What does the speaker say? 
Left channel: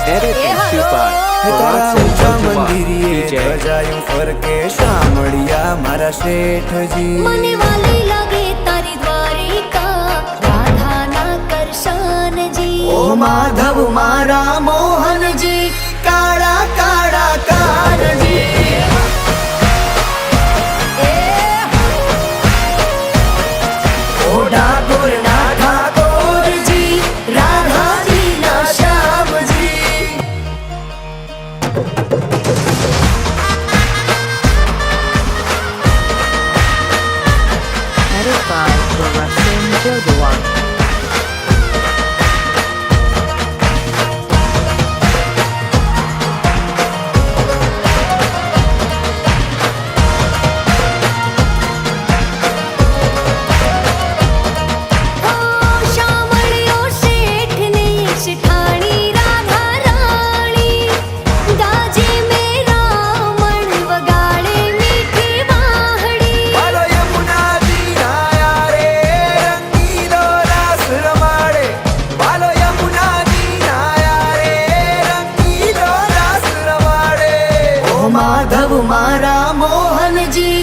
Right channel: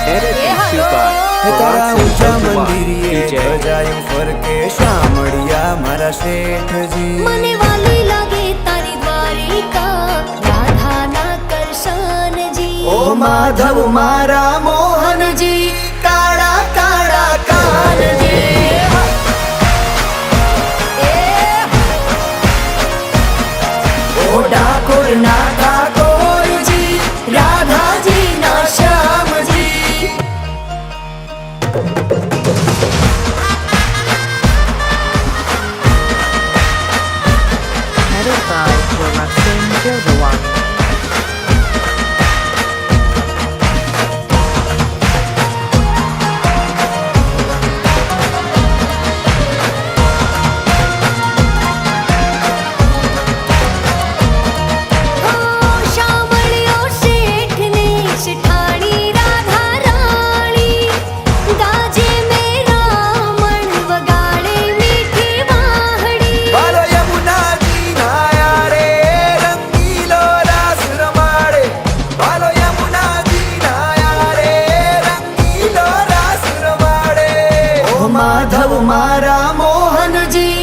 Editing હાલો. Super. હે તારા Production ઊંચા Jojuma. મંદિરીએ DJ. ધજાયું ફરકે શામળિયા મારા શેઠજી મને વાલી લાગે તારી દ્વારિકા રાધાના કરશનજી ઓ માધવ મારા મો Show the one. મારા મોહનજી.